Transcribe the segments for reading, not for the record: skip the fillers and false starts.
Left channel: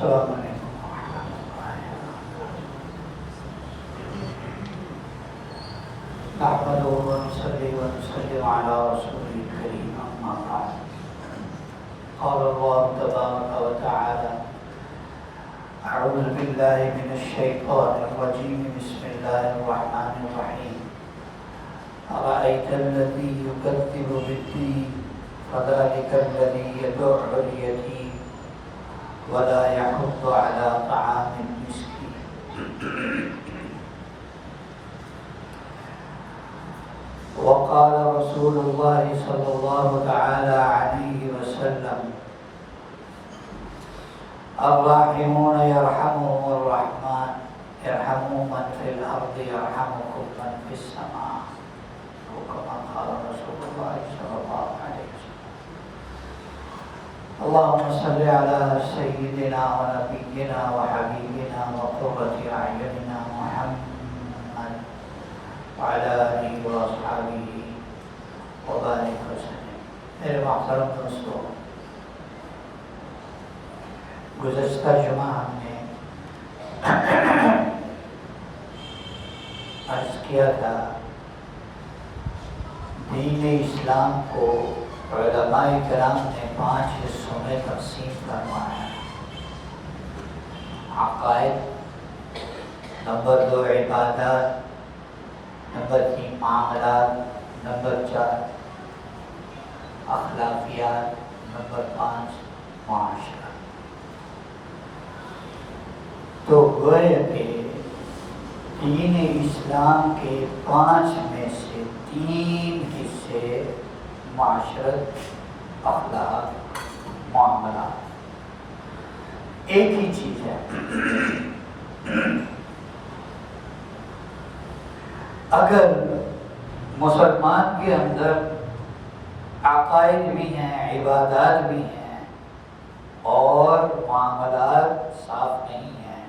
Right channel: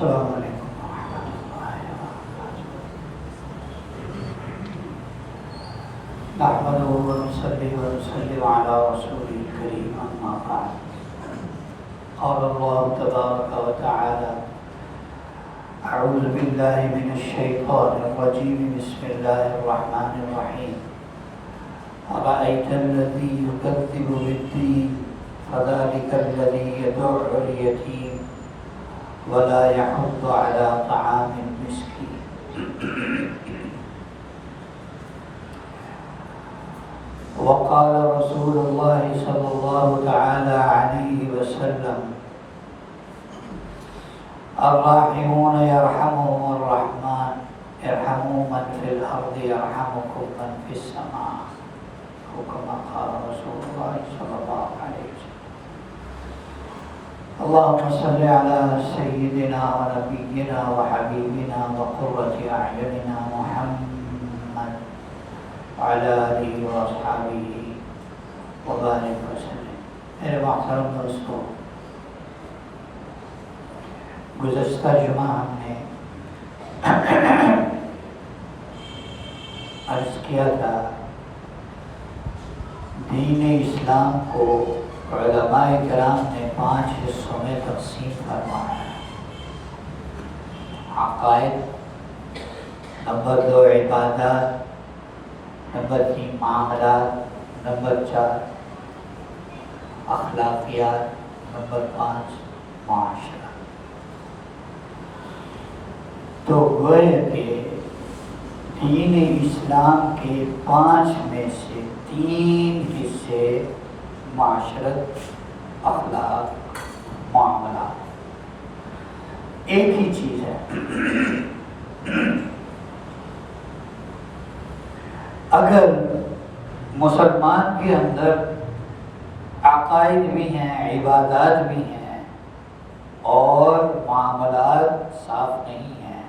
السلام علیکم ورحمۃ اللہ وبرکاتہ نحمده ونصلي ونسلم على رسوله الكريم أما بعد قال الله تبارك وتعالى أعوذ بالله من الشيطان الرجيم بسم الله الرحمن الرحيم أرأيت الذي يكذب بالدين فذلك الذي يدع اليتيم ولا يحض على طعام المسكين وقال رسول الله صلى الله تعالى عليه وسلم الراحمون يرحمهم الرحمن ارحموا من في الأرض يرحمكم من في السماء وكما قال رسول الله صلى الله عليه وسلم اللهم صل على سيدنا ونبينا وحبيبنا وقرة أعيننا محمد وعلى آله وأصحابه وبارك وسلم. میرے محترم دوستو، گزشتہ جمعہ ہم نے عرض کیا تھا دین اسلام کو علماء کرام نے 5 حصوں میں تقسیم فرمایا ہے. عقائد، نمبر 2 عبادات، نمبر 3 معاملات، نمبر 4 اخلاقیات، نمبر 5 معاشرہ. تو گویا کہ دین اسلام کے 5 میں سے 3 حصے معاشرت، اخلاق، معاملات ایک ہی چیز ہے. اگر مسلمان کے اندر عقائد بھی ہیں، عبادات بھی ہیں اور معاملات صاف نہیں ہیں،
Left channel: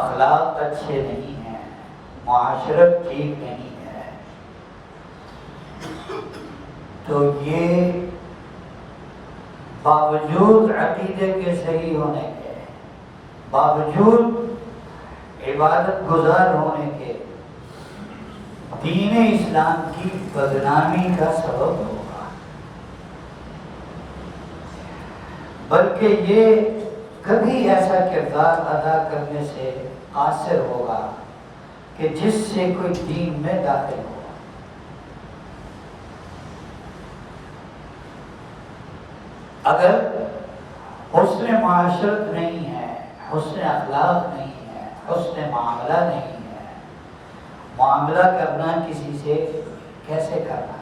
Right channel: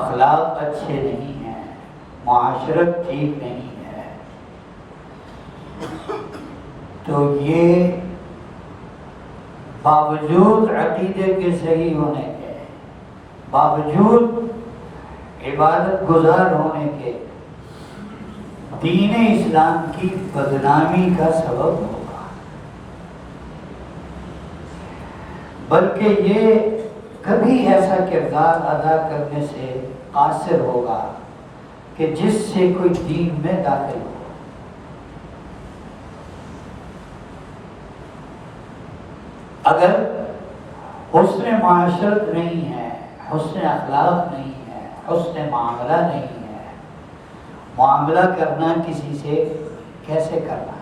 اخلاق اچھے نہیں ہیں، معاشرت ٹھیک نہیں ہے، تو یہ باوجود عقیدے کے صحیح ہونے کے، باوجود عبادت گزار ہونے کے، دین اسلام کی بدنامی کا سبب ہوگا. بلکہ یہ کبھی ایسا کردار ادا کرنے سے قاصر ہوگا کہ جس سے کوئی دین میں داخل ہو. اگر حسن معاشرت نہیں ہے، حسن اخلاق نہیں ہے، حسن معاملہ نہیں ہے، معاملہ کرنا کسی سے کیسے کرنا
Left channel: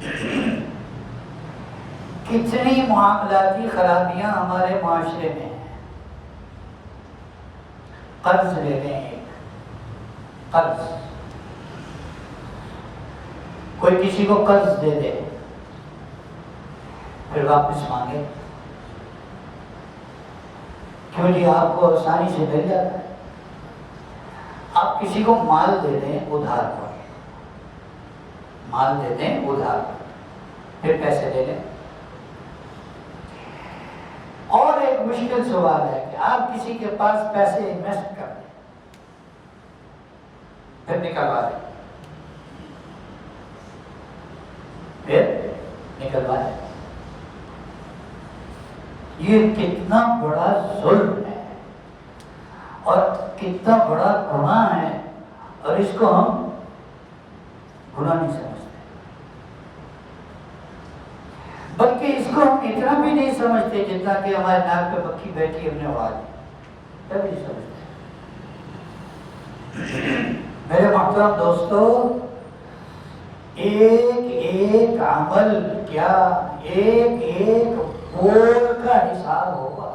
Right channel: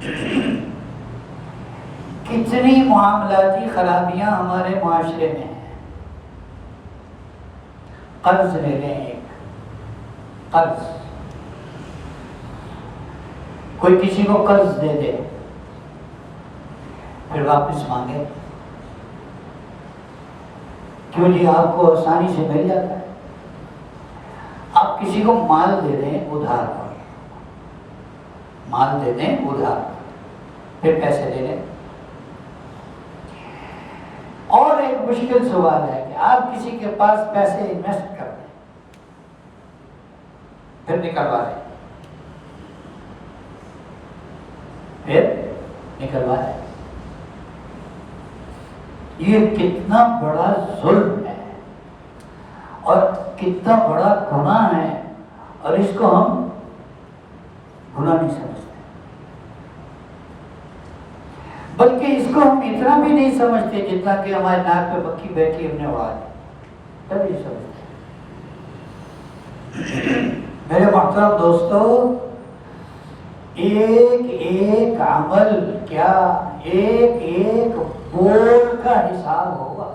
ہے؟ کتنی معاملاتی خرابیاں ہمارے معاشرے میں ہیں. قرض لے لیں، ایک قرض، کوئی کسی کو قرض دے دے پھر واپس مانگے. کیوں جی؟ آپ کو آسانی سے مل جاتا ہے. آپ کسی کو مال دے دیں ادھار پر، مال دے دیں ادھار پر، پھر پیسے دے دیں. اور ایک مشکل سوال ہے کہ آپ کسی کے پاس پیسے انویسٹ کر دیں پھر نکلوائیں، پھر نکلوائیں. یہ کتنا بڑا ظلم ہے اور کتنا بڑا گناہ ہے، اور اس کو ہم گناہ نہیں سمجھتے، بلکہ اس کو ہم اتنا بھی نہیں سمجھتے جتنا کہ ہمارے ناک پہ مکھی بیٹھی ہم نے اڑا دی. تبھی سمجھتے. میرے محترم دوستو، ایک ایک عمل، کیا ایک ایک بول کا حساب ہوگا.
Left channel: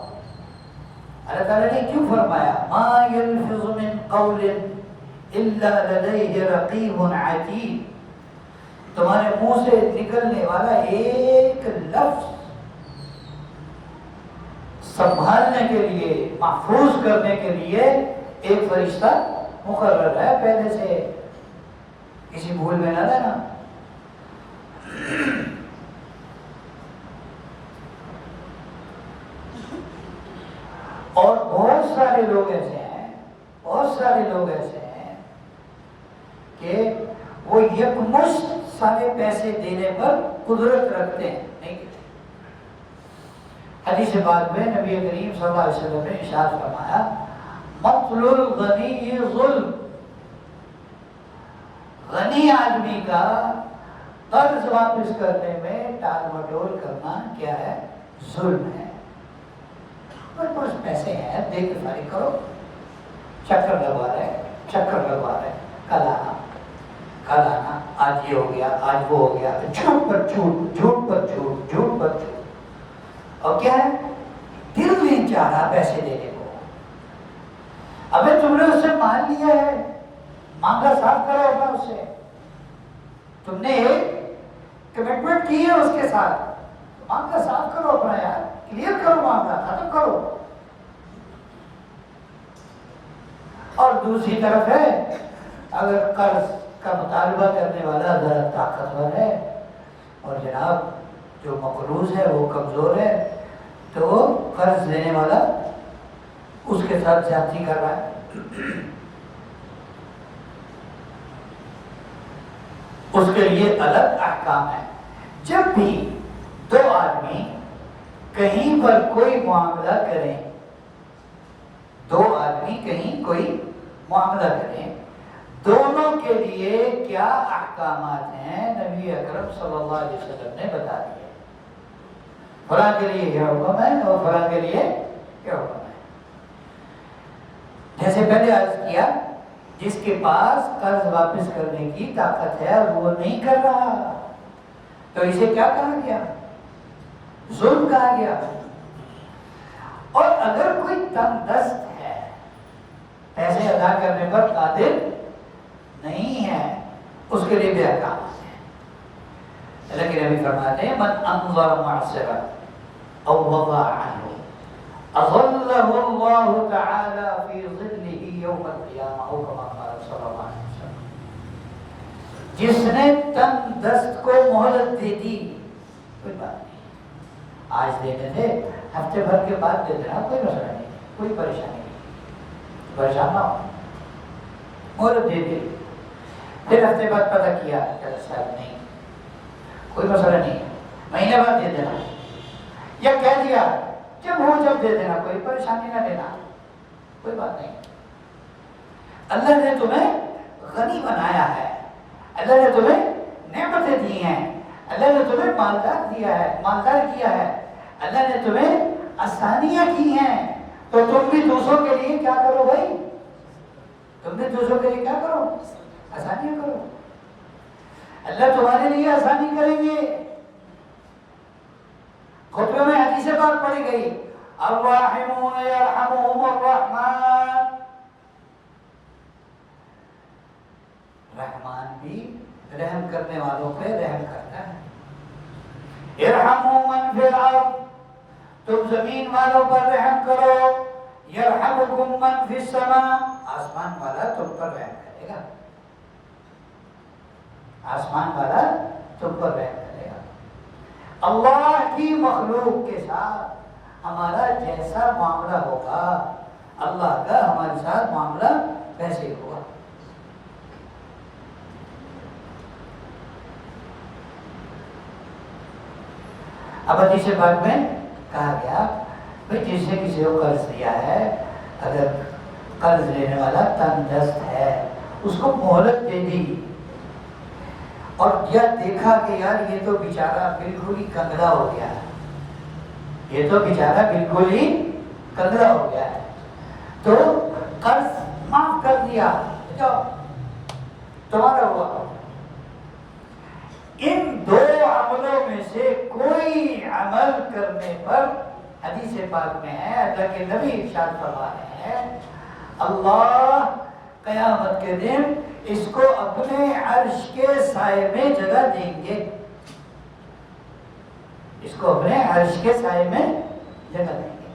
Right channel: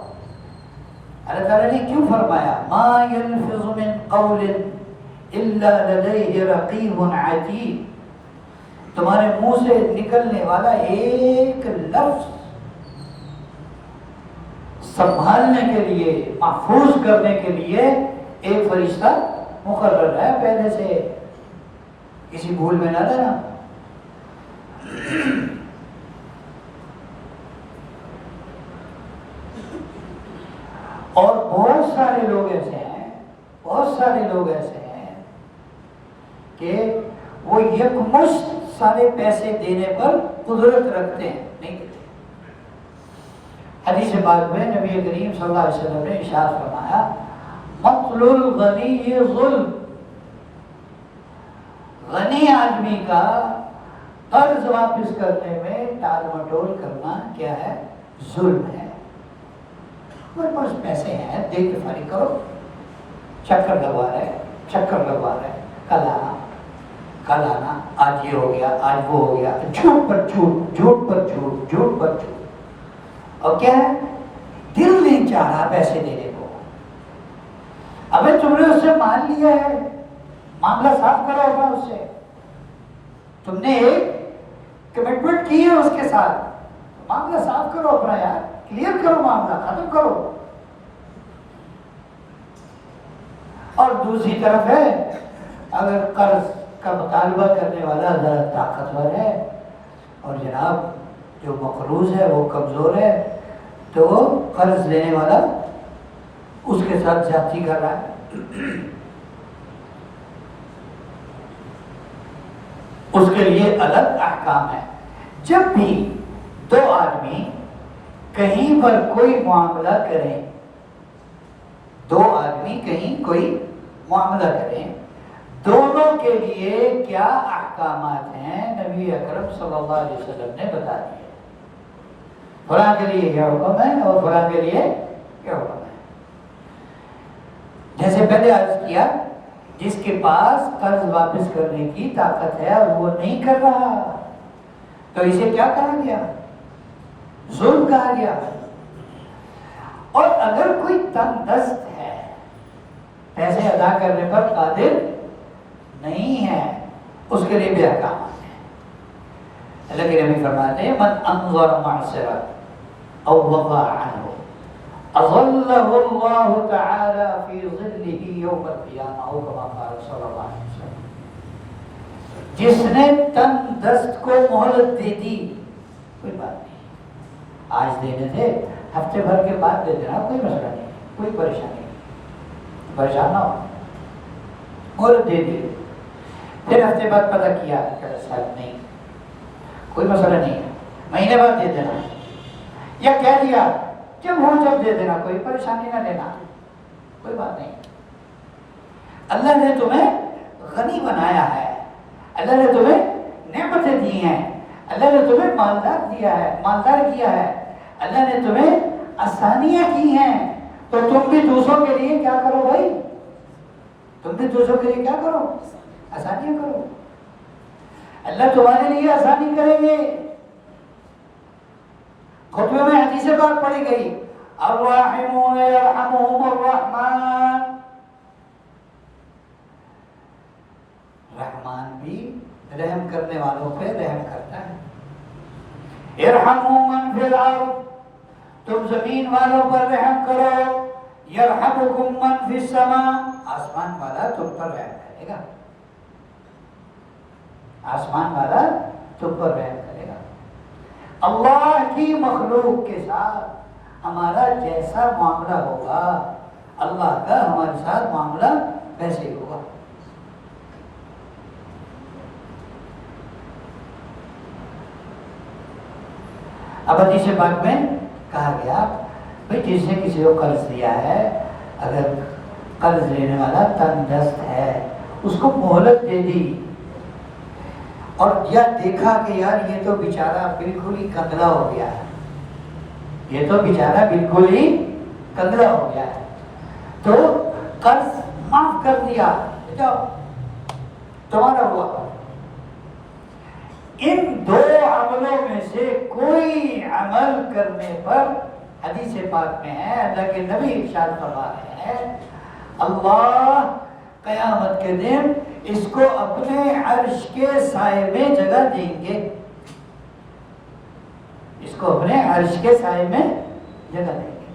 اللہ تعالیٰ نے کیوں فرمایا ما يلفظ من قول الا لديه رقیب عتید؟ تمہارے منہ سے نکلنے والا ایک لفظ سنبھالنے کے لیے، محفوظ کرنے کے لیے ایک فرشتہ مقرر ہے پہلے سے. کسی بھول میں نہ لینا. بہت سارے لوگ ایسے ہیں کہ وہ یکمشت سارے پیسے دینے پر قدرت رکھتے ہیں، نہیں دیتے۔ حدیث پاک میں نبی کریم صلی اللہ علیہ وسلم نے ارشاد فرمایا مطل الغنی ظلم، غنی آدمی کا قرض واپس کرنے میں ٹال مٹول کرنا کیا ہے؟ ظلم ہے۔ میرے پاس پیسے ہیں، دے کے فارغ کرو، چکر لگوا رہے کل آنا، آج یہ ہو گیا، آج وہ ہو گیا، جھوٹ پر جھوٹ، اور کیا ہے؟ دل نہیں چاہ رہا پیسے دینے کو۔ ابھی تم نے اس سے مان لیا ہے، معاملہ صاف کرا ہوگا اس سے، تم نے ایک کمٹمنٹ کی ہے اس کے ساتھ، معاملہ صاف کرو اپنا یار، کلیئر کرو، معاملہ ختم کرو۔ اور دوسری طرف ہے اگر قرض کا مطالبہ کرنے والا ذرا طاقتور ہے اور جناب جو مقروض ہے وہ کمزور ہے، تو وہ قرض لینے والا اس کے ساتھ زیادتی کر رہا ہے، اس کے لیے الگ احکام ہے۔ جب بھی دو آدمی کہیں پر کوئی معاملہ کریں، دونوں کے لیے کیا احکامات ہیں نبی اکرم صلی اللہ علیہ وسلم نے بتا دیے۔ فلاں کے لیے کیا حکم ہے اور فلاں کے لیے کیا حکم ہے۔ جیسے پہلے عرض کیا، جس کے پاس قرض واپس کرنے کی طاقت ہے اور وہ نہیں کر رہا، تو اسے کیا کہا گیا؟ ظلم کہا گیا۔ اور اگر کوئی تنگ دست ہے، پیسے ادا کرنے پر قادر نہیں ہے، اس کے لیے بھی احکام ہے۔ لیکن ابھی فرماتے ہیں من انظر معصرہ او وضع عنہ اظلہ اللہ تعالی فی ظلہ یوم القیامہ، او کما قال صلی اللہ علیہ وسلم۔ جس نے تنگ دست کو مہلت دے دی، کوئی بات نہیں، آج دینے دے، ہفتے بھر کے بعد دے دینا، کوئی مسئلہ نہیں، کوئی پریشانی نہیں، پریشان نہ ہو، مہلت دے دی، پھر ہفتے بعد پتہ کیا کہ صاحب نہیں، کوئی مسئلہ نہیں، مہینے بعد دے دینا، یا کہہ دیا جب ہو جب دے دینا، کوئی پریشانی نہ لینا، کوئی بات نہیں۔ اللہ نے تمہیں غنی بنایا ہے، اللہ نے تمہیں نعمتیں دی ہیں، اللہ نے تمہیں مالدار کیا ہے، اللہ نے تمہیں آسانیاں کی ہیں، تو تم بھی دوسروں کے لیے کیا کرو بھائی؟ تم بھی دوسروں کے لیے کیا کرو؟ آسانیاں کرو۔ اللہ تمہارے لیے آسانی کریں گے۔ خطبے میں حدیث پاک پڑھی گئی، الراحمون یرحمہم الرحمن، رحمان بھی رحم کرنے والوں پہ رحم کرتا ہے۔ ارحموا من فی الارض، تم زمین والوں پر رحم کرو، یرحمکم من فی السماء، آسمان والا تم پر رحم کرے گا، آسمان والا تم پر رحم کرے گا۔ اللہ کی مخلوق کے ساتھ ہمارا جیسا معاملہ ہوگا، اللہ کا ہمارے ساتھ معاملہ ویسے ہی ہوگا۔ اب حدیث پاک میں کہا گیا بھئی جس نے کسی کو قرض دیا ہے، اگر قرض لینے والا تنگ دست ہے، اس کو مہلت دے دی، اور یا دیکھا کہ یار یہ تو بیچارہ بالکل ہی کندرا ہو گیا ہے، یہ تو بیچارہ بالکل ہی کندرا ہو گیا ہے، تو قرض معاف کر دیا، جاؤ تمہارا ہوا۔ ان دو عملوں میں سے کوئی عمل کرنے پر حدیث پاک میں ہے، اللہ کے نبی ارشاد فرما رہے ہیں، اللہ قیامت کے دن اس کو اپنے عرش کے سائے میں جگہ دیں گے، اس کو اپنے عرش کے سائے میں جگہ دیں گے۔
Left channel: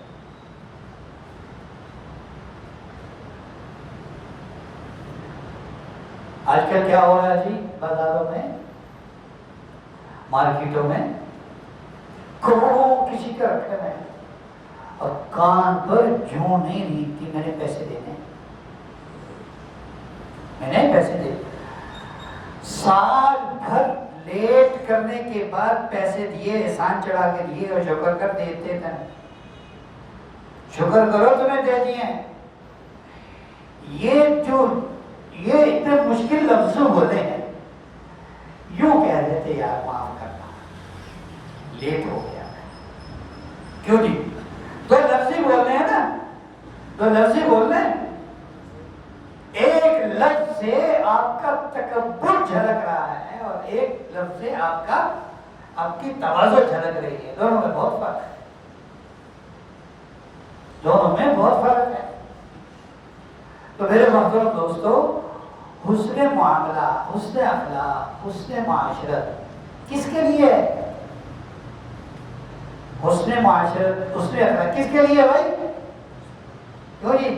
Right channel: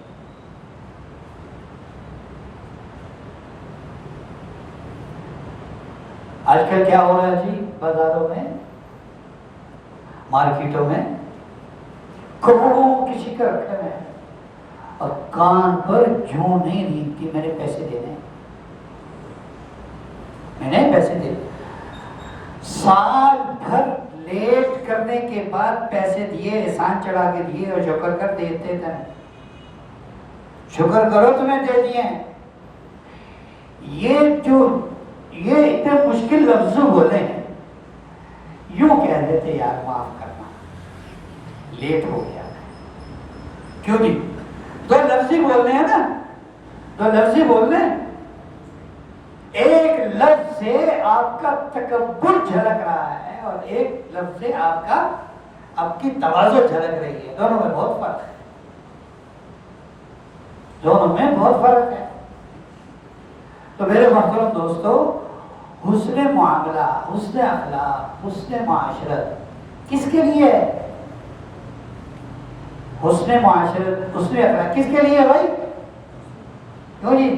آج کل کیا ہو رہا ہے جی؟ بازاروں میں، مارکیٹوں میں کروڑوں کسی کے رکھے ہیں، اور کان پر جوں نہیں ریگتی میرے پیسے دے دیں، میں نے پیسے دے دیں۔ سال بھر لیٹ کرنے کے بعد پیسے دیے، احسان چڑھا کے دیے اور شکر کر دیتے تھے، شکر کرو تمہیں دے دیے۔ یہ اتنے مشکل لفظ بولے ہیں، یوں کہہ دیتے یار معاف کرنا، لیٹ ہو گیا۔ کیوں جی؟ دو لفظ ہی بولنے ہیں نا، دو لفظ ہی بولنے ہیں، ایک لفظ سے آپ کا تکبر جھلک رہا ہے اور ایک لفظ سے آپ کی تواضع جھلک رہی ہے، دونوں میں بہت فرق ہے، دونوں میں بہت فرق ہے۔ تو میرے محترم دوستو، حسن معاملہ، حسن اخلاق، حسن معاشرت کس کے لیے ہے؟ حسن معاشرت، حسن اخلاق کس کے لیے بھائی؟ کیوں جی؟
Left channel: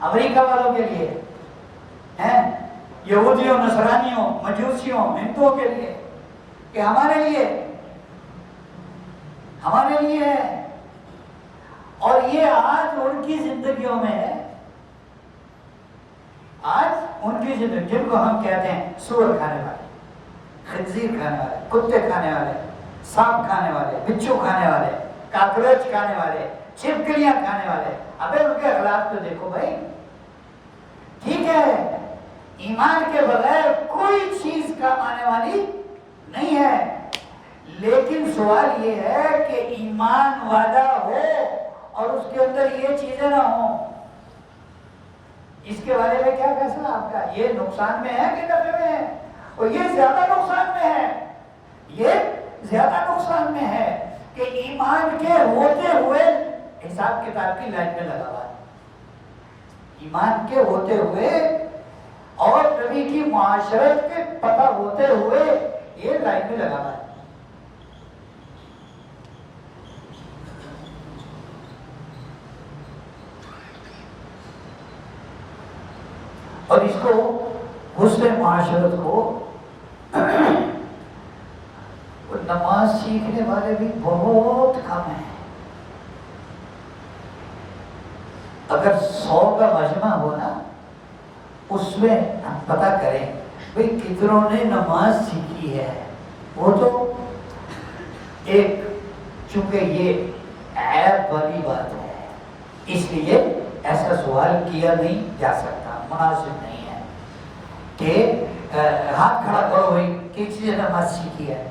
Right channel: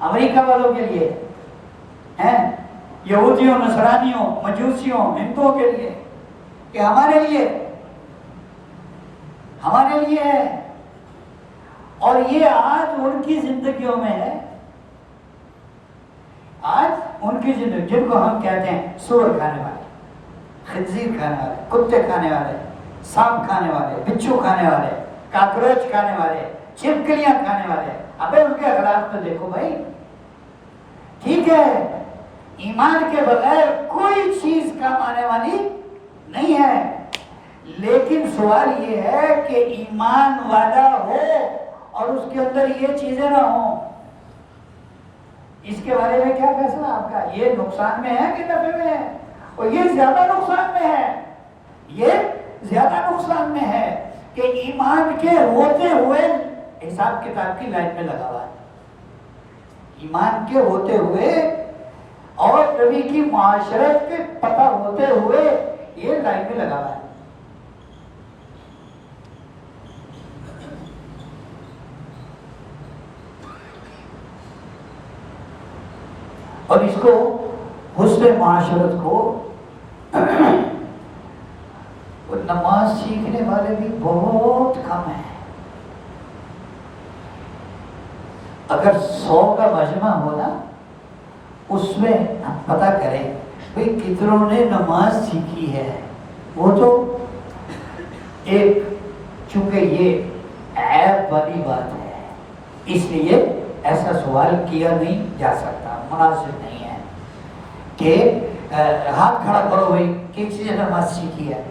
امریکہ والوں کے لیے ہیں، یہودیوں، نصرانیوں، مجوسیوں، ہندوؤں کے لیے، کہ ہمارے لیے؟ ہمارے لیے ہے، اور یہ آج ان کی زندگیوں میں ہے، آج ان کی زندگی، جن کو ہم کہتے ہیں سور کھانے والے، خنزیر کھانے والے، کتے کھانے والے، سانپ کھانے والے، بچھو کھانے والے، کاکروچ کھانے والے، چھپکلیاں کھانے والے، ابے ان کے اخلاق تو دیکھو بھائی۔ ٹھیک ہے، ایمان کے بغیر کوئی چیز کام آنے والی نہیں ہے، لیکن سوال یہ ہے کہ ایمان والا ہو اور اس کے اندر یہ چیزیں نہ ہوں۔ اس کے بارے میں کیا فیصلہ آپ کا؟ یہ نقصان میں ہے کہ نفع میں ہے؟ اور یہ زیادہ نقصان میں ہے، یہ زیادہ نقصان میں ہے کہ ایمان کے ہوتے ہوئے حساب کتاب کی لائن میں لگا ہوا ہے، ایمان کے ہوتے ہوئے اور نبی کی معاشرت کے پتہ ہوتے ہوئے یہ لائن میں لگا ہوا ہے۔ اور اس کو حسن معاشرت کو نماز سیکھنے والے بھی بہت کم ہیں۔ اگر 100 کا مجمع ہو نا، اس میں ہم پتہ کریں بھئی کتنوں نے نماز سیکھی ہے، وہ تو ایک، چونکہ یہ عیب والی بات ہے اس لیے ایسا سوال کیا نہیں جا سکتا، مناسب نہیں ہے کہ ہاتھ کھڑا کرو بھائی کس چیز نے نماز سیکھی ہے،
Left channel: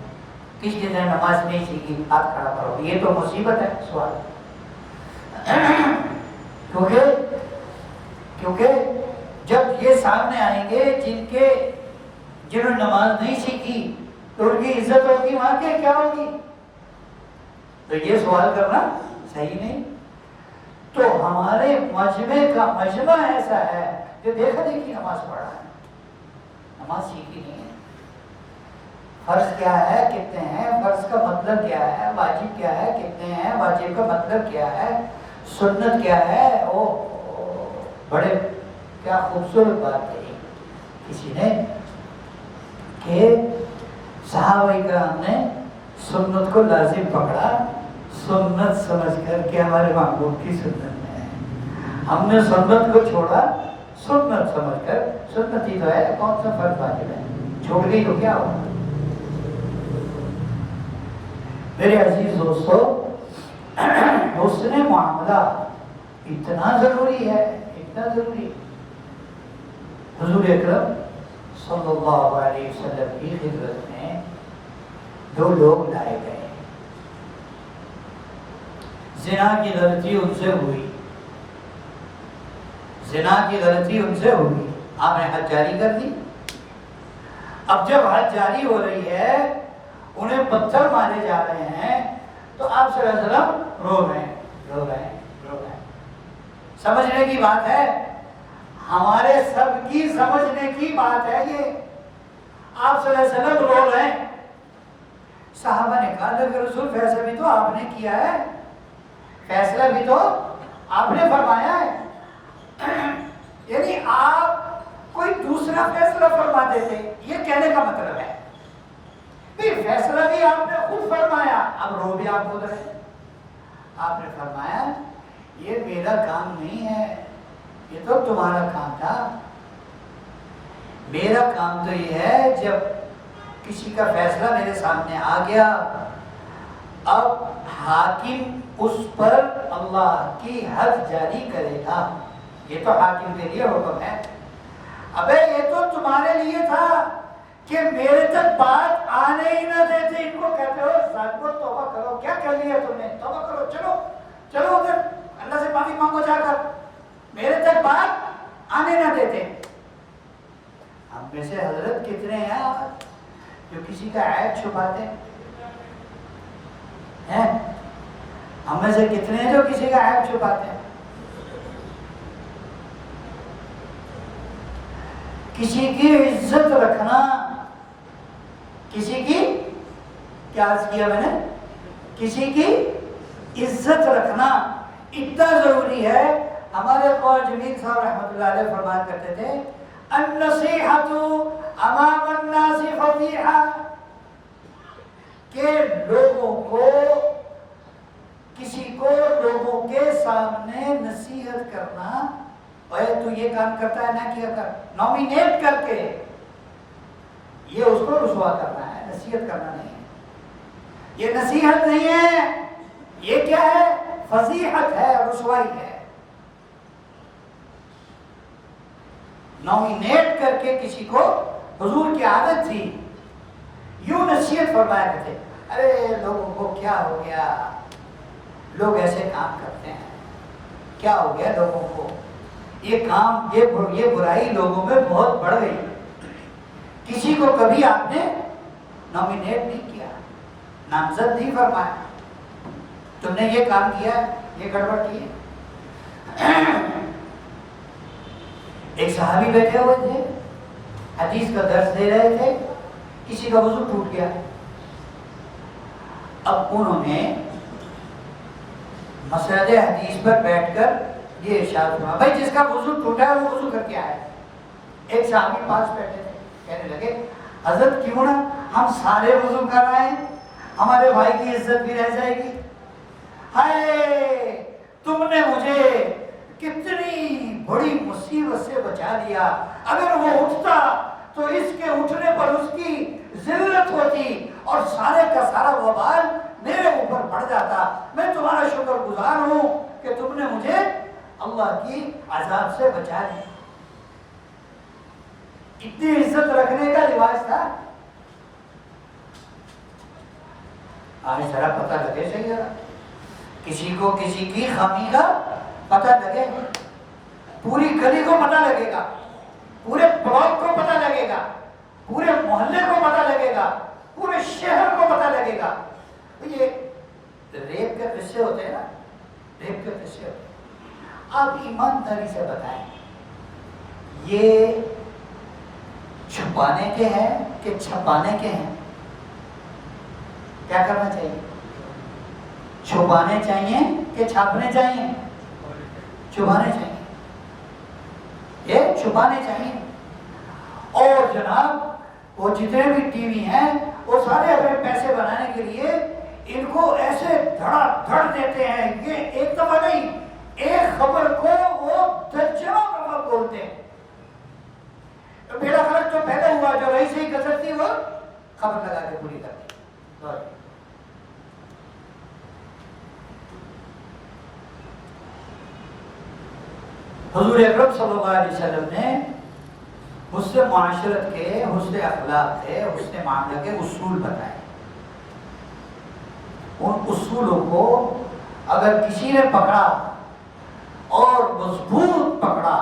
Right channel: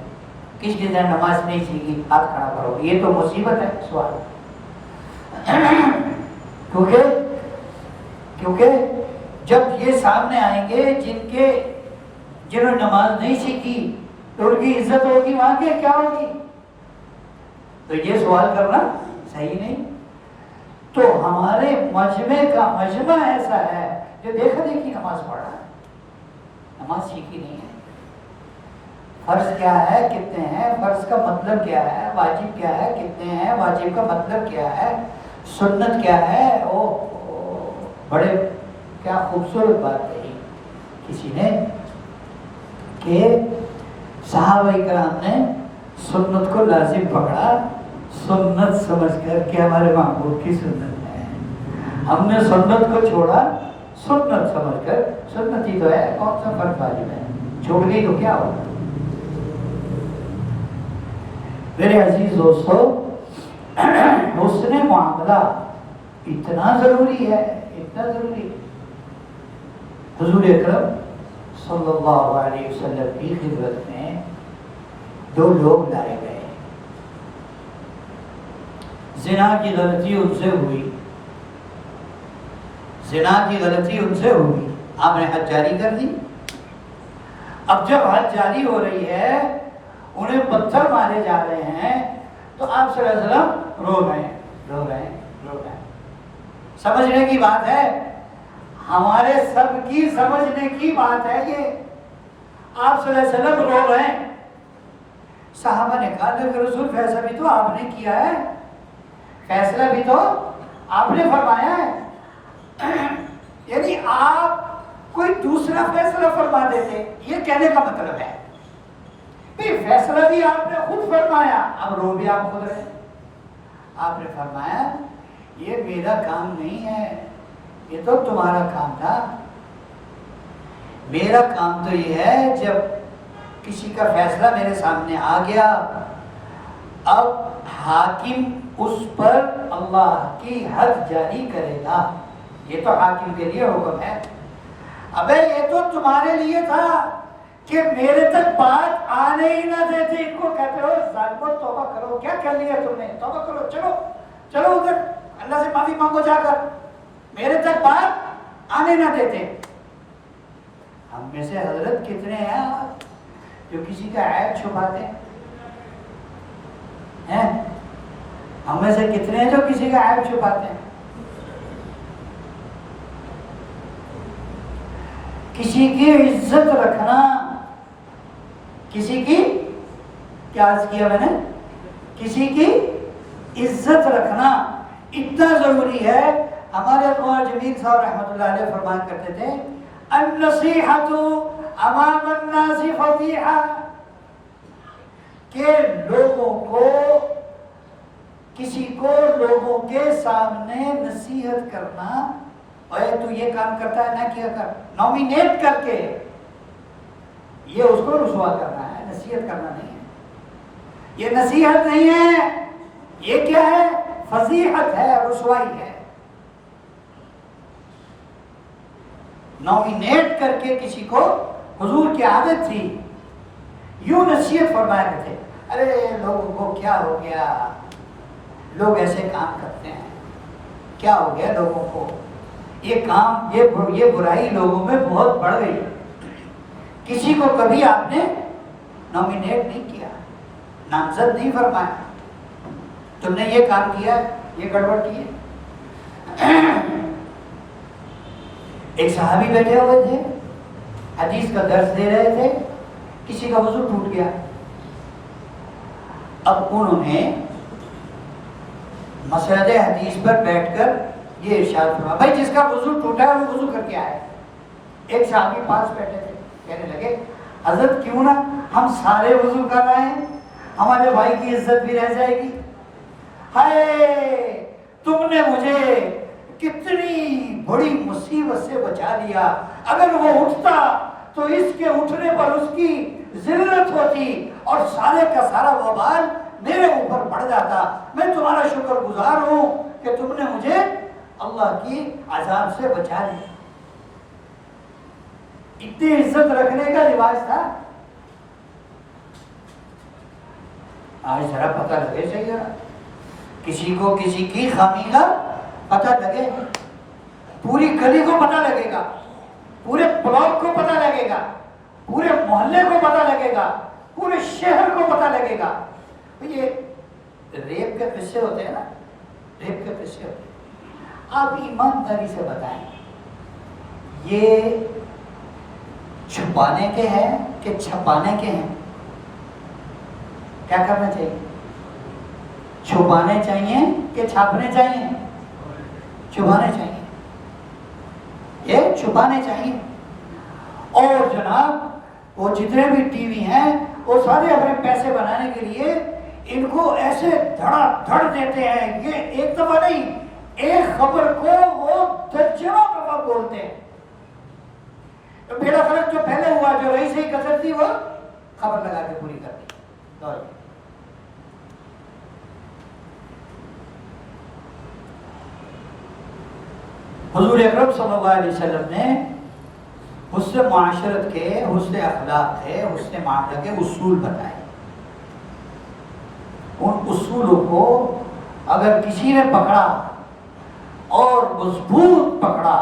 کس چیز نے نماز نہیں سیکھی، ہاتھ کھڑا کرو، یہ تو مصیبت ہے سوال۔ کیونکہ جب یہ سامنے آئیں گے جنہوں نے نماز نہیں سیکھی تو ان کی عزت ہوگی وہاں کے کیا ہوگی؟ تو یہ سوال کرنا صحیح نہیں۔ تو ہمارے مجمع ایسا ہے جو دیکھا دیکھی نماز پڑھا ہے، نماز سیکھی نہیں ہے۔ فرض کیا ہے کتنے ہیں، فرض کا مطلب کیا ہے، واجب کیا ہے کتنے ہیں، واجب کا مطلب کیا ہے، سنت کیا ہے، وہ بڑے کیا خوبصورت بات کہی کسی نے کہ صحابہ کرام نے سنت کو لازم پکڑا، سنت سمجھ کر کہ ہمارے محبوب کی سنت میں ہے، ہم نے سنت کو چھوڑا سنت سمجھ کر، سنت ہی تو ہے، کون سا فرض واجب ہے، چھوڑ گئی تو کیا ہوگا؟ میرے عزیز دوستو، حسن معاملہ اتنا ضروری ہے، اتنا ضروری۔ حضور اکرم صلی اللہ علیہ وسلم کی خدمت میں 2 لوگ لائے گئے، زنا کی غلطی ان سے ہوئی، زنا کی غلطی ان سے ہوئی، آپ نے حد جاری کر دی۔ اب جب حد جاری ہو رہی ہے، انہیں پتھر مارے جا رہے ہیں، تو آپ صلی اللہ علیہ وسلم رو رہے ہیں۔ سمجھنے کی بات ہے، ہمارے سب کی سمجھنے کی بات ہے یہ۔ آپ صلی اللہ علیہ وسلم رو رہے ہیں، صحابہ نے کہا کہ رسول فیصلہ بھی تو آپ نے کیا ہے، فیصلہ بھی تو آپ نے فرمایا ہے، یعنی آپ کوئی دوسرا فیصلہ فرما دیتے، یہ کہنے کا مطلب ہے فیصلہ بھی آپ نے خود فرمایا، اب رو بھی آپ خود رہے، آپ نے فرمایا یہ میرا کام نہیں ہے، یہ تو تمہارا کام تھا. میرا کام تو یہ ہے جب کسی کا فیصلہ میرے سامنے آ گیا، اب حاکم اس پر اللہ کی حد جاری کرے گا. یہ تو حاکم کے لیے حکم ہے. ابے یہ تو تمہارے لیے تھا کہ میرے تک بات آنے ہی نہ دیتے. ان کو کہتے ہو ظالمو توبہ کرو، کیا کہہ لیا تم نے، توبہ کرو، چلو چلو ادھر اللہ سے معافی مانگو جا کر. میرے تک بات آنے نہ دیتے. ہم میں سے حضرت کتنے ہیں جو کسی کا عیب چھپاتے ہیں؟ ہم میں سے کتنے ہیں جو کسی کا عیب چھپاتے ہیں؟ کسی کی عزت رکھنا، کسی کی کیا عرض کیا میں نے، کسی کی عزت رکھنا اتنا ضروری ہے. ہمارے قوم جمیل صاحب رحمۃ اللہ علیہ فرمایا کرتے تھے النصیحۃ امام الناس فضیحہ، کہ لوگوں کو، کسی کو لوگوں کے سامنے نصیحت کرنا، اے تو یہ کام کرتا ہے نہ کیا کر، نومینیٹ کر کے یہ اس کو رسوا کرنا ہے، نصیحت کرنا نہیں ہے. یہ نصیحت نہیں ہے، یہ کیا ہے؟ فضیحت ہے، رسوائی ہے. نومینیٹ کر کے کسی کو، حضور کی عادت تھی یوں نصیحت فرمایا کرتے. ارے لوگوں کو کیا ہو گیا، لوگ ایسے کام کرتے ہیں، کیا ہو گیا لوگوں کو، یہ کام، یہ برائی لوگوں میں بہت بڑھ گئی. کسی کو کبھی آپ نے نومینیٹ نہیں کیا، نامزد نہیں فرمایا، تم نے یہ کام کیا، یہ گڑبڑ کی ہے. ایک صحابی بیٹھے ہوئے تھے، حدیث کا درس دے رہے تھے، کسی کا وضو ٹوٹ گیا. اب انہوں نے مسجد حدیث پر بیٹھ کر یہ ارشاد فرمایا بھائی جس کا وضو ٹوٹا ہے وہ وضو کر کے آئے. ایک صحابی پاس بیٹھے تھے، کہنے لگے حضرت کیوں نہ ہم سارے وضو کر رہے ہیں، ہمارے بھائی کی عزت بھی رہ جائے گی. ہائے تم نے مجھے کتنی بڑی مصیبت سے بچا لیا، اگر وہ اٹھتا تو اس کے اٹھنے پر اس کی ذلت ہوتی اور سارے کا سارا وبال میرے اوپر پڑ جاتا. میں تمہارا شکر گزار ہوں کہ تم نے مجھے اللہ کی عذاب سے بچا لیا. اتنی عزت رکھنے کا لباس تھا. آج ذرا پتہ لگے صحیح ذرا، کسی کو کسی کی خامی کا پتہ لگے، پوری گلی کو پتہ لگے گا، پورے بلاک کو پتہ لگے گا، پورے محلے کو پتہ لگے گا، پورے شہر کو پتہ لگے گا. یہ ریپ کے قصے ہوتے ہیں نا، ریپ کے قصے ہوتے ہیں. آپ ایمانداری سے بتائیں یہ چھپانے کے ہیں کہ چھپانے کے ہیں؟ کیا کرنا چاہیے؟ چھپانے چاہیے کہ چھاپنے چاہیے؟ چھپانے چاہیے، یہ چھپانے چاہیے. اور جناب وہ جتنے بھی ٹی وی ہیں وہ سارے اپنے پیسے بنانے کے لیے ان کو ایسے دھڑا دھڑ دیتے ہیں. یہ ایک دفعہ نہیں، ایک خبر کو وہ درجنوں دفعہ بولتے ہیں. میرا فرق جو پہلے ہوا، جو رئیس ہی کثرت تھی وہ خبر لگا کے پوری کرتی. حضور اکرم صلی اللہ علیہ وسلم نے حسن معاشرت کے، حسن اخلاق کے، حسن معاملے کے اصول بتائے. ان اصولوں کو اگر کسی نے پکڑا اور مضبوط پکڑا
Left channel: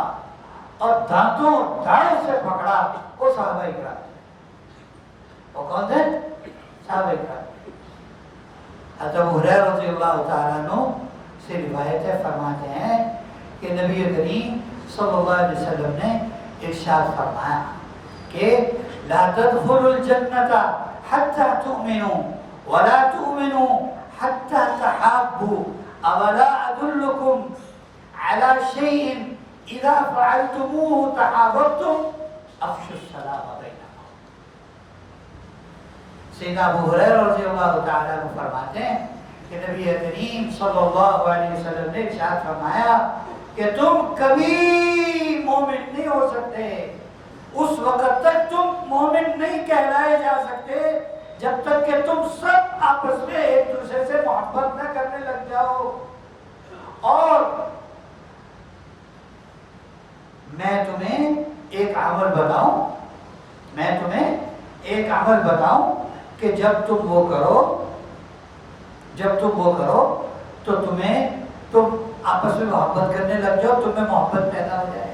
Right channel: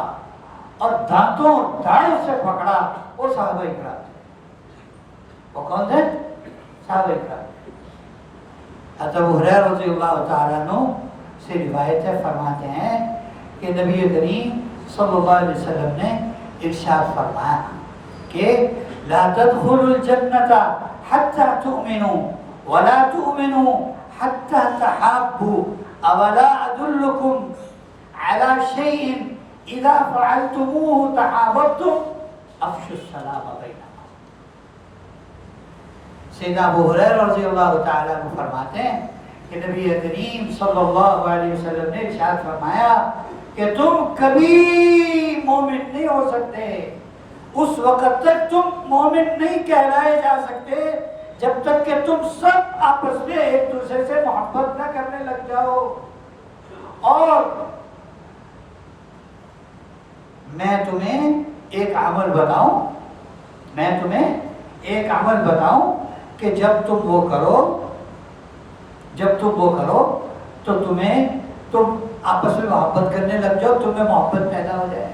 اور دانتوں داڑھ سے پکڑا، وہ صحابہ کرام. وہ کون تھے؟ صحابہ کرام. حضرت ابو ہریرہ رضی اللہ تعالیٰ عنہ سے روایت ہے، فرماتے ہیں کہ نبی کریم صلی اللہ علیہ وسلم نے ارشاد فرمایا کہ لا تدخلوا الجنة حتى تؤمنوا ولا تؤمنوا حتى تحابوا اولا ادلكم على شيء اذا فعلتموه تحاببتم افشوا السلام بينكم. سیدنا ابو ہریرہ رضی اللہ تعالیٰ عنہ فرماتے ہیں کہ نبی کریم صلی اللہ علیہ وسلم نے ارشاد فرمایا کہ تم کبھی مومن نہیں ہو سکتے، اس وقت تک تم مومن نہیں کہلائے جا سکتے جب تک کہ تم سب آپس میں ایک دوسرے سے محبت نہ کرنے لگ جاؤ۔ اور میں تمہیں ایک عمل بتاؤں، کہ جب تم وہ کرو تو تم آپس میں محبت کرنے لگ جاؤ، تمہیں محبت پیدا ہو جائے۔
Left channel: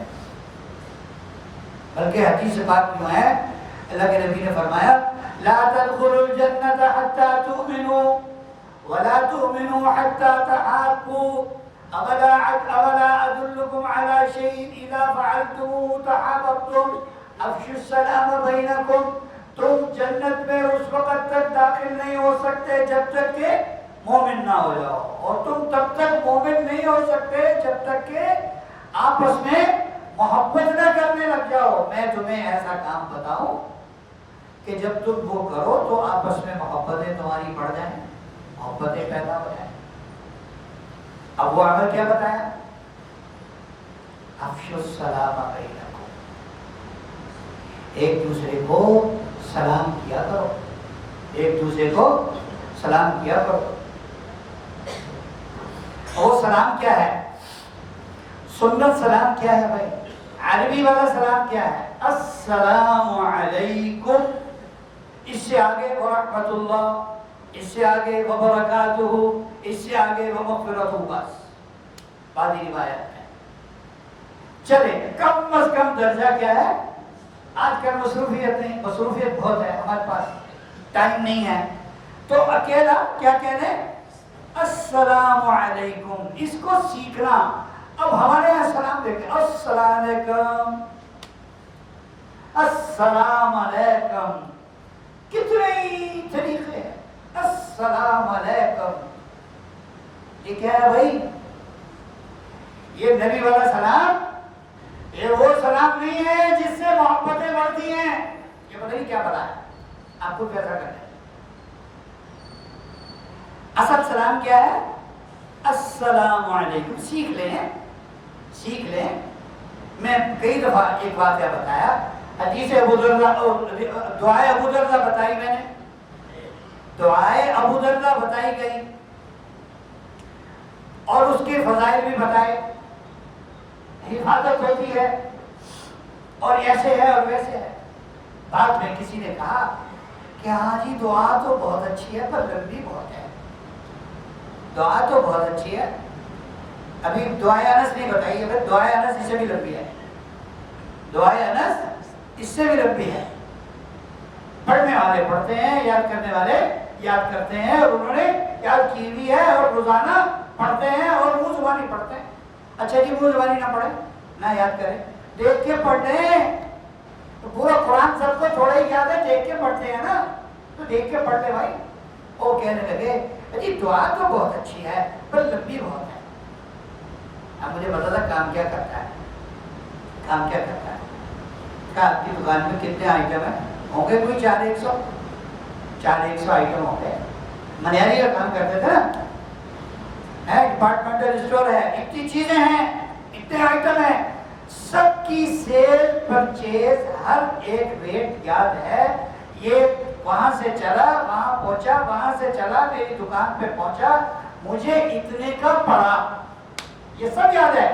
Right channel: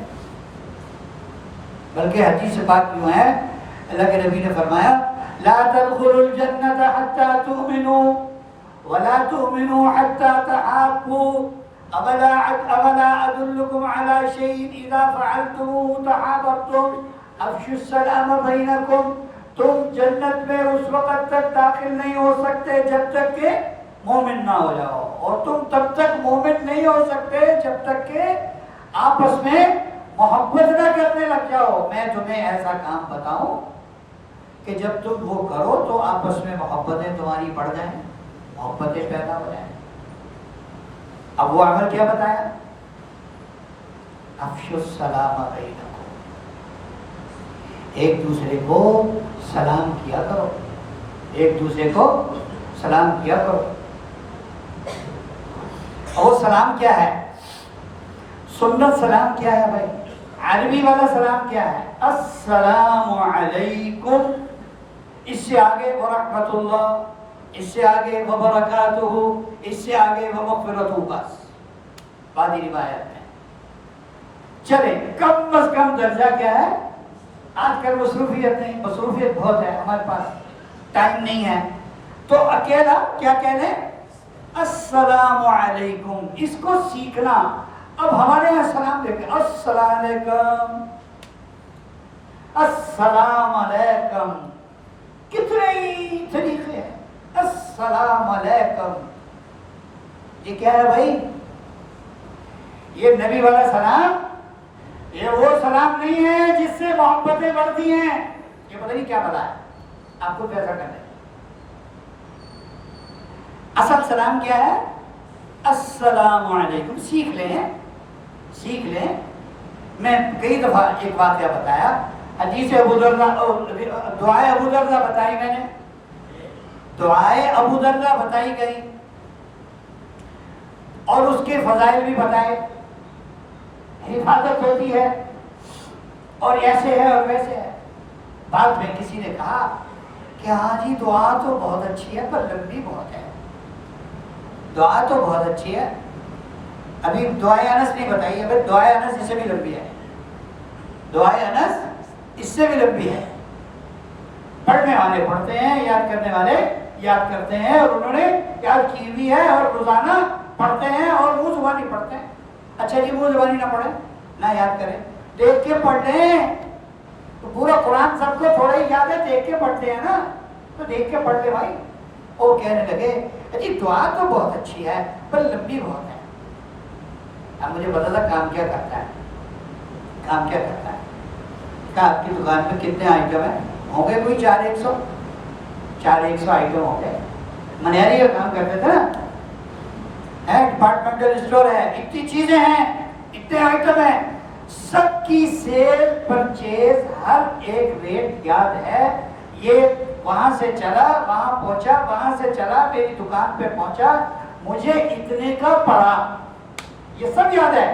بلکہ حدیث پاک میں ہے، اللہ کے نبی نے فرمایا لا تدخلوا الجنة حتى تؤمنوا ولا تؤمنوا حتى تحابوا أولا أدلكم على شيء إذا فعلتموه تحاببتم افشوا السلام بينكم۔ تم جنت میں اس وقت تک داخل نہیں ہو سکتے جب تک کہ مومن نہ ہو جاؤ، اور تم تب تک مومن نہیں ہو سکتے جب تک کہ آپس میں محبت نہ کرنے لگ جاؤ۔ میں تمہیں ایسا کام بتاؤں کہ جب تم وہ کرو تو آپس میں محبتیں تمہاری بڑھ جائیں، محبتیں پیدا ہو جائیں۔ اب وہ عمل کیا بتایا؟ افشوا السلام بینکم، ایک دوسرے کو سلام کیا کرو، ایک دوسرے کو سلام کیا کرو۔ اور سلام کیا ہے؟ سنت سلام کیا ہے بھائی؟ عربی والا سلام کیا ہے؟ السلام علیکم، اس سے آگے ورحمۃ اللہ، اس سے آگے وبرکاتہ، اس سے آگے ومغفرتہ، بس بعضی روایت ہے۔ چلے کم از کم درجہ کیا ہے؟ آج کل مصروفیت بہت ہے، ہمارے پاس ٹائم نہیں ہے، تو اکیلا کیا کہہ رہے؟ السلام علیکم، اس کو سیکھنا۔ اب ہمارے یہاں سلام دیکھیں، السلام علیکم، السلام علیکم، کتنے ہی طریقے ہیں۔ السلام علیکم، یہ کیا ہے بھائی؟ یہ نبی والا سلام، یہ وہ سلام نہیں ہے جس سے محبتیں بڑھتی ہیں۔ یہ پتہ نہیں کیا بتا ہے، آپ کو کیسا کرنا ہے۔ اصل سلام کیا ہے؟ السلام علیکم، سیکھ لیں۔ میں کئی دفعہ ایک واقعہ بتایا، حدیث ابو دردہ، دعائے ابو دردہ بتائی میں نے، دعائے ابو دردہ بتائی گئی، اور اس کے فضائل بھی بتائے۔ حفاظت ہوتی ہے اور ایسے ہے اور ویسے ہے۔ بعد میں کسی نے کہا کہ ہاں جی دعا تو بہت اچھی ہے پر لمبی بہت ہے، دعا تو بہت اچھی ہے، ابھی دعائے انس نہیں بتائی، ابھی دعائے انس اس سے بھی لمبی ہے، دعائے انس اس سے بھی لمبی ہے۔ پڑھنے والے پڑھتے ہیں، یاد کرنے والے یاد کرتے ہیں، اور انہوں نے یاد کی بھی ہے اور روزانہ پڑھتے ہیں اور منہ زبانی پڑھتے ہیں۔ اچھا جی منہ زبانی نہ پڑھیں، نہ یاد کریں، دیکھ کے پڑھ لیں، تو پورا قرآن سب کو تھوڑا ہی یاد ہے، دیکھ کے پڑھتے ہیں نا، تو دیکھ کے پڑھ لیں بھائی۔ وہ کہنے لگے جی دعا تو بہت اچھی ہے پر لمبی بہت ہے۔ اب مجھے بتا تھا کام کیا کرتا ہے، کام کیا کرتا ہے؟ کہا آپ کی دکان میں کتنے آئٹم ہیں؟ ہوں گے کوئی 400 آئٹم ہوں گے، منیاری کا کام کرتے تھے نا، ڈپارٹمنٹل اسٹور ہے، اتنی چیزیں ہیں، اتنے آئٹم ہیں، سب کی سیل پرچیز ہر ایک ریٹ یاد ہے، یہ وہاں سے چلا وہاں پہنچا، وہاں سے چلا میری دکان پہ پہنچا، مجھے اتنے کا پڑا، یہ سب یاد ہے۔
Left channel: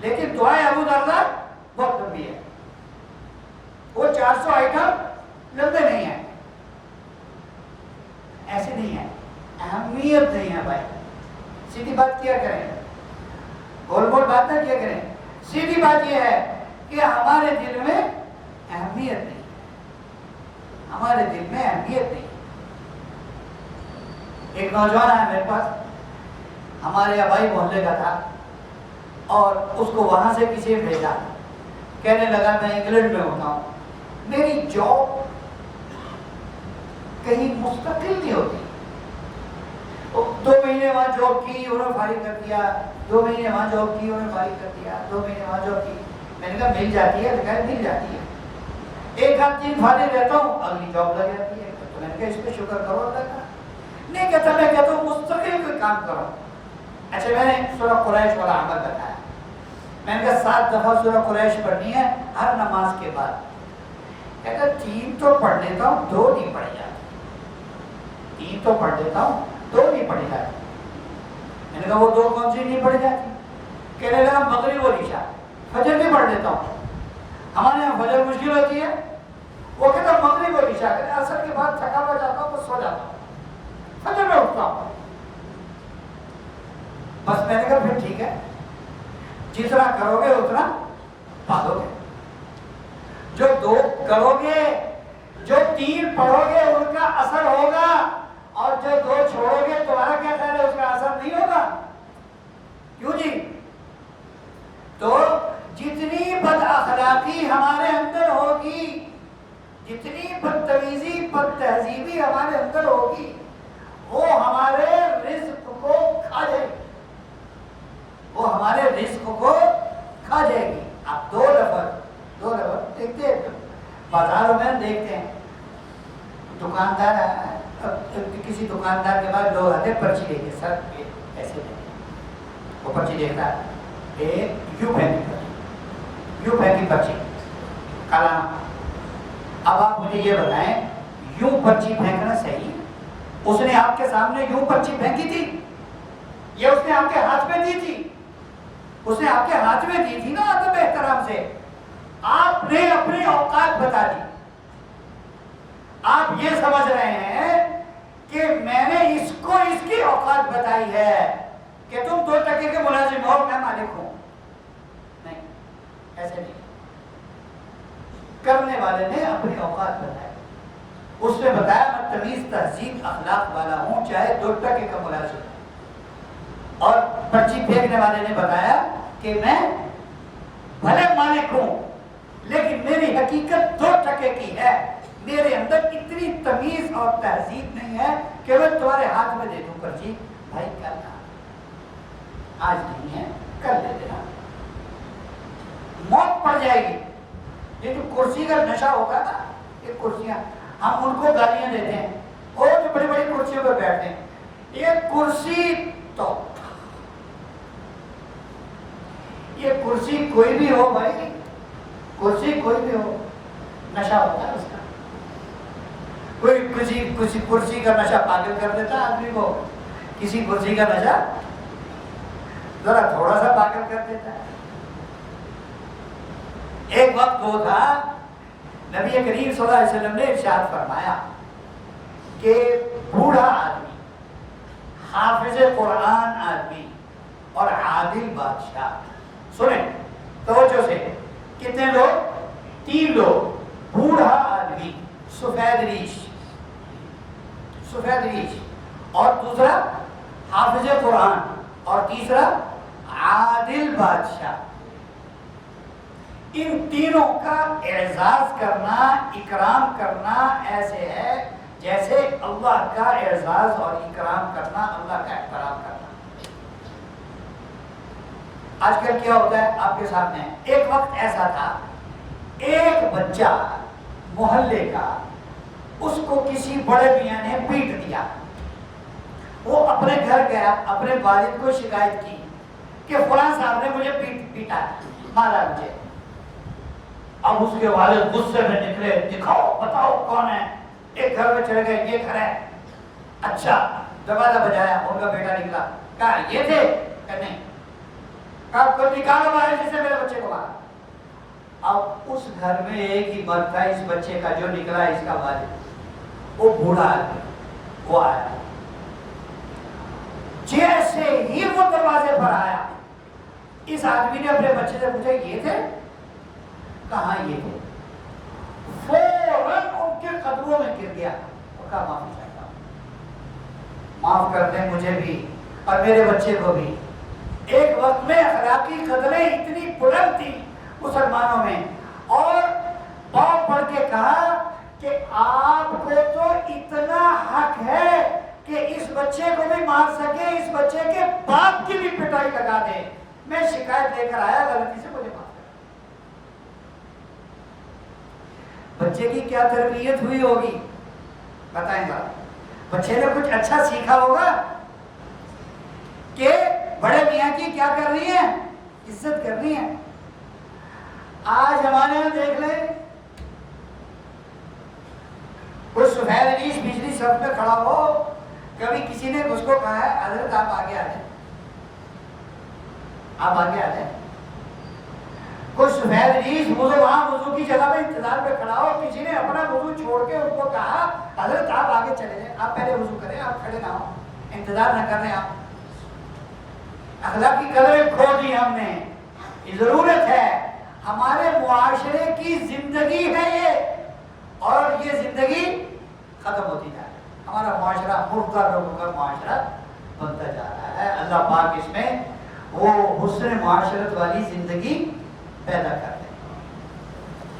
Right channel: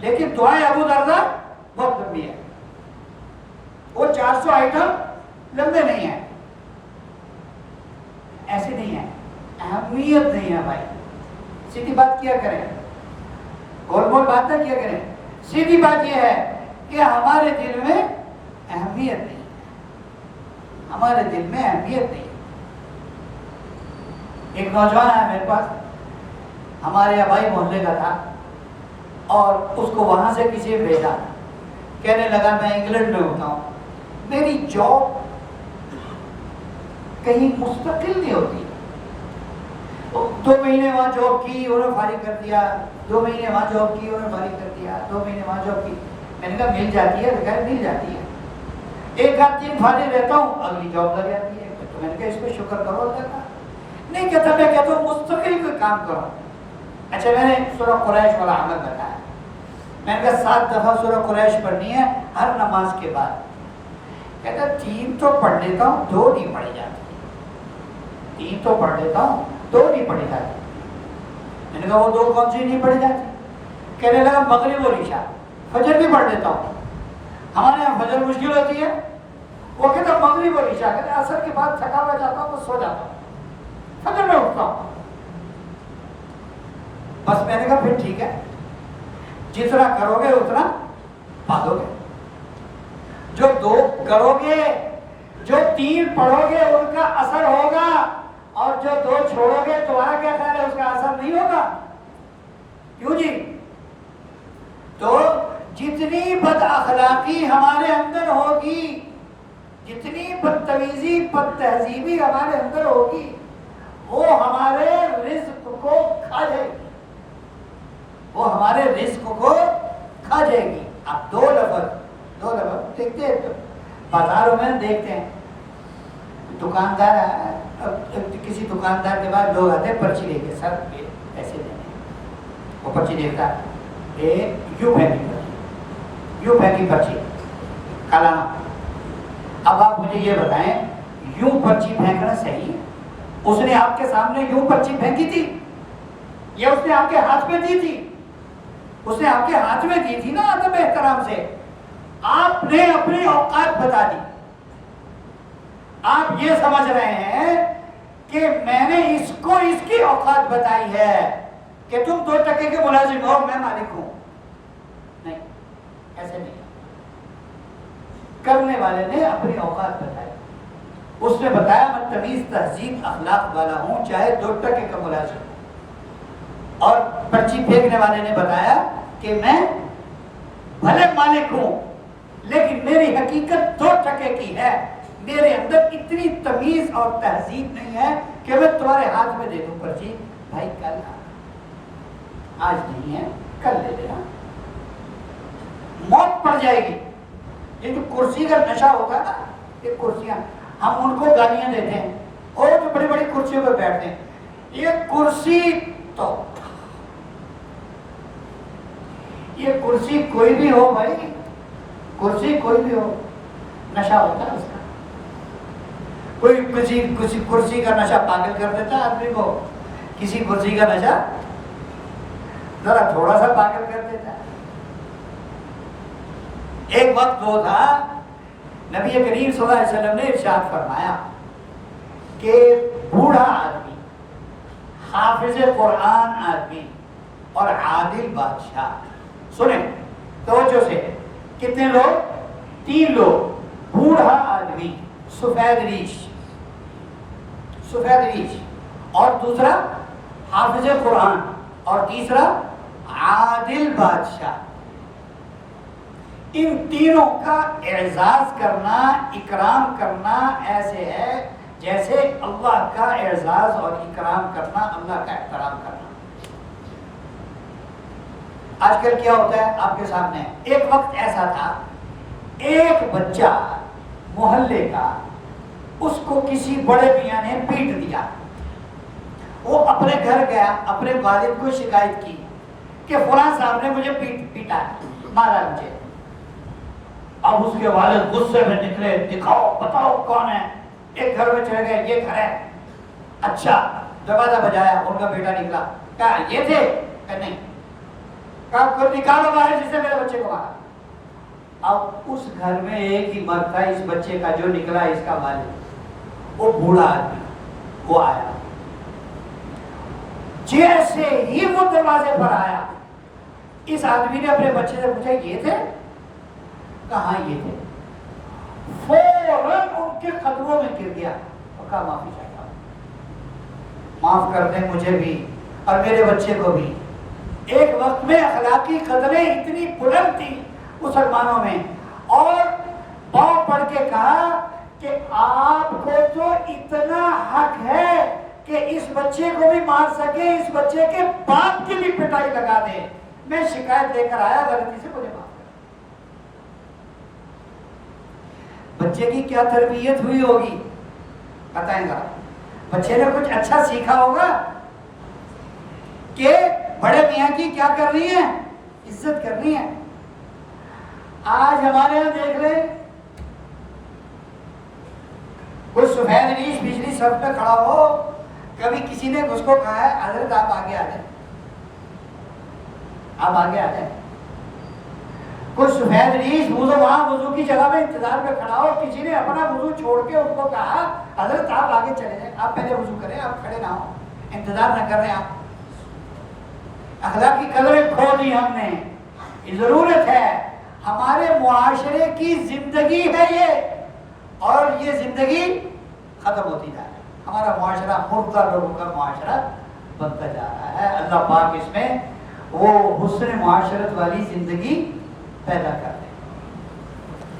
لیکن دعائے ابو دردہ بہت لمبی ہے، وہ 400 آئٹم لمبے نہیں ہیں، ایسے نہیں ہے، اہمیت نہیں ہے بھائی۔ سیدھی بات کیا کریں، گول گول بات نہ کیا کریں، سیدھی بات یہ ہے کہ ہمارے دل میں اہمیت نہیں، ہمارے دل میں اہمیت نہیں۔ ایک نوجوان ہے میرے پاس، ہمارے آبائی محلے کا تھا، اور اس کو وہاں سے کسی نے بھیجا، کہنے لگا میں انگلینڈ میں ہوتا ہوں، میری جاب کہیں مستقل نہیں ہوتی، 2 مہینے وہاں جاب کی انہوں نے فارغ کر دیا، 2 مہینے وہاں جاب کی انہوں نے فارغ کر دیا، 2 مہینے وہاں جاب کی۔ میں نے کہا مل جاتی ہے؟ تو مل جاتی ہے، 1 آدھ دن فارغ رہتا ہوں اگلی جاب لگ جاتی ہے۔ تو میں نے کہا اس پہ شکر کرو اللہ کا۔ نہیں کہتا، میں کہتا ہوں مستقل کام کرو. اچھا میں نے سورہ قریش والا عمل بتایا. میں نے کہا 7 دفعہ سورہ قریش پڑھنی ہے ہر نماز کے بعد. کہتا 3 تو پڑھ لیتا ہوں 2 نہیں پڑھی جاتی. 3 تو پڑھ لیتا ہوں 2 نہیں پڑھی جاتی. میں نے کہا وہ 2 کون سی نہیں پڑھی جاتی؟ کہنے لگا مغرب اور عشاء. فجر بھی پڑھ لیتا ہوں. ہمارے یہاں فجر مشکل ہوتی ہے. وہ کہتا مغرب اور عشاء. کہتا عصر کے بعد تھکا ہوا جاتا ہوں تو سو جاتا ہوں, فجر میں اٹھتا ہوں. بس میں نے کہا پھر ٹھیک ہے, جتنا کرو گے اتنا پالو گے. جو 2 کرو گے, جو 3 پڑھو گے ان کا اثر ہوگا, اور جو 2 چھوڑو گے تمہارا کیا خیال ہے اس کا اثر نہیں ہوگا؟ کیوں جی؟ تو جتنی بد اخلاقی ہمارے اندر ہوگی, جتنی بدتمیزی بد تہذیبی ہمارے اندر ہوگی, وہ ہمارے رزق کو کھا جائے گی. وہ ہمارے رزق کو کھا جائے گی. آپ 2 لفظ دیکھتے ہیں بازاروں میں دیکھتے ہیں, دکاندار کسی دکاندار کے بعد لوگ آتے ہیں پرچی لے کے, سر ایسے دیں. وہ پرچی دیکھتا ہے یوں پھینکی پرچی کالانا. اب آپ مجھے یہ بتائیں یوں پرچی پھینکنا صحیح؟ اس نے آپ کے سامنے یوں پرچی پھینکی تھی یا اس نے آپ کے ہاتھ میں دی تھی؟ اس نے آپ کے ہاتھ میں دی تھی نا ادب احترام سے. آپ نے اپنی اوقات بتا دی. آپ یہ سمجھ رہے ہیں کہ میں نے اس کو اس کی اوقات بتائی ہے کہ تم 2 ٹکے کے ملازم ہو, میں مالک ہوں. نہیں, ایسے نہیں. کرنے والے نے اپنی اوقات بتائی. اس نے بتایا میں تمیز تہذیب اخلاق والا ہوں چاہے 2 ٹکے کا ملازم. اور پرچی پھینکنے والے نے بتایا کہ میں بھلے مالک ہوں لیکن میری حقیقت 2 ٹکے کی ہے. میرے اندر اتنی تمیز اور تہذیب نہیں ہے کہ میں تمہارے ہاتھ میں دے دوں پرچی, بھائی کل آج نہیں ہے کل دے دینا, موت پڑ جائے گی. یہ جو کرسی کا نشہ ہوگا نا, یہ کرسیاں ہم ان کو گالیاں دیتے ہیں اور جو بڑی بڑی کرسیوں پر بیٹھتے ہیں, یہ کرسی تو یہ کرسی کوئی بھی ہو بھائی, کرسی کوئی بھی ہو, نشہ ہوتا ہے اس کا. کوئی کسی کرسی کا نشہ پاگل کر دیتا ہے آدمی کو, کسی کرسی کا نشہ ذرا تھوڑا سا پاگل کر دیتا ہے. ایک وقت وہ تھا نبی کریم صلی اللہ علیہ وسلم نے ارشاد فرمایا کہ بوڑھا آدمی, حافظ قرآن آدمی اور عادل بادشاہ, سنیں توجہ سے, کتنے لوگ؟ 3 لوگ. بوڑھا آدمی سفید ریش, اور دوسرا حافظ قرآن, اور تیسرا عادل بادشاہ. ان تینوں کا اعزاز کرنا, اکرام کرنا ایسے ہے جیسے اللہ کا اعزاز اور اکرام کرنا, اللہ کا احترام کرنا. آج کل کیا ہوتا ہے آپ کے سامنے, ایک وقت ایسا تھا ایک بچہ محلے کا, اس کو کسی بڑے میاں نے پیٹ دیا. وہ اپنے گھر گیا, اپنے والد کو شکایت کی کہ فلاں صاحب نے مجھے پیٹا, مارا مجھے. اب اس کے والد غصے میں نکلے, دکھاؤ بتاؤ کون ہے. ایک گھر میں چلے گئے, یہ کرے. اچھا دروازہ بجایا, ان کا بیٹا نکلا, کہا یہ تھے, کہ نہیں, کہا کوئی نکالو باہر جس نے میرے بچے کو مارا. اب اس گھر میں ایک ہی مرد تھا اس بچے کا جو نکلا اس کا والد, وہ بوڑھا آدمی. وہ آیا, جیسے ہی وہ دروازے پر آیا, اس آدمی نے اپنے بچے سے پوچھا یہ تھے, کہاں یہ تھے. فوراً ان کے قدموں میں گر گیا اور کہا معافی چاہتا ہوں, معاف کر دیں مجھے بھی اور میرے بچے کو بھی. ایک وقت میں اخلاقی قدریں اتنی بلند تھی مسلمانوں میں, اور باپ پڑھ کے کہا کہ آپ کو تو اتنا حق ہے کہ اس بچے کو بھی مار سکے, اس بچے کے باپ کی بھی پٹائی لگا دے. میں شکایت دے کر آیا, غلطی سے مجھے معاف. بچے کی کیا تربیت ہوئی ہوگی بتائیں گا؟ بچے نے کچھ اچھا سیکھا ہوگا, کہ بڑے میاں کی کیا کر رہی ہیں؟ عزت کر رہی ہیں. آج ہمارے یہاں دیکھ رہے ہیں کوئی سفید ریش بجلی سب پہ کھڑا ہو, کبھی کسی نے اس کو کہا ہے حضرت آپ آگے آ جائیں, آپ آگے آ جائیں. کوئی سفید ریش وضو وہاں وضو کی جگہ میں انتظار پہ کھڑا ہو, کسی نے اپنا وضو چھوڑ کے اس کو کہا حضرت آپ آگے چلے جائیں, آپ پہلے وضو کریں, آپ کھڑے نہ ہو, انتظار نہ کریں. آپ اخلاقی قدریں کھو دی ہم نے. یہ ضرورت ہے, ہمارے معاشرے کی زندگی ہے یہ, اور یہ زندگی ختم ہوتی جا رہی ہے. ہمارا معاشرہ مردہ لوگوں کا معاشرہ بنتا جا رہا ہے. اللہ پاک اس میں وہ حسن معاشرت والی زندگی پیدا کر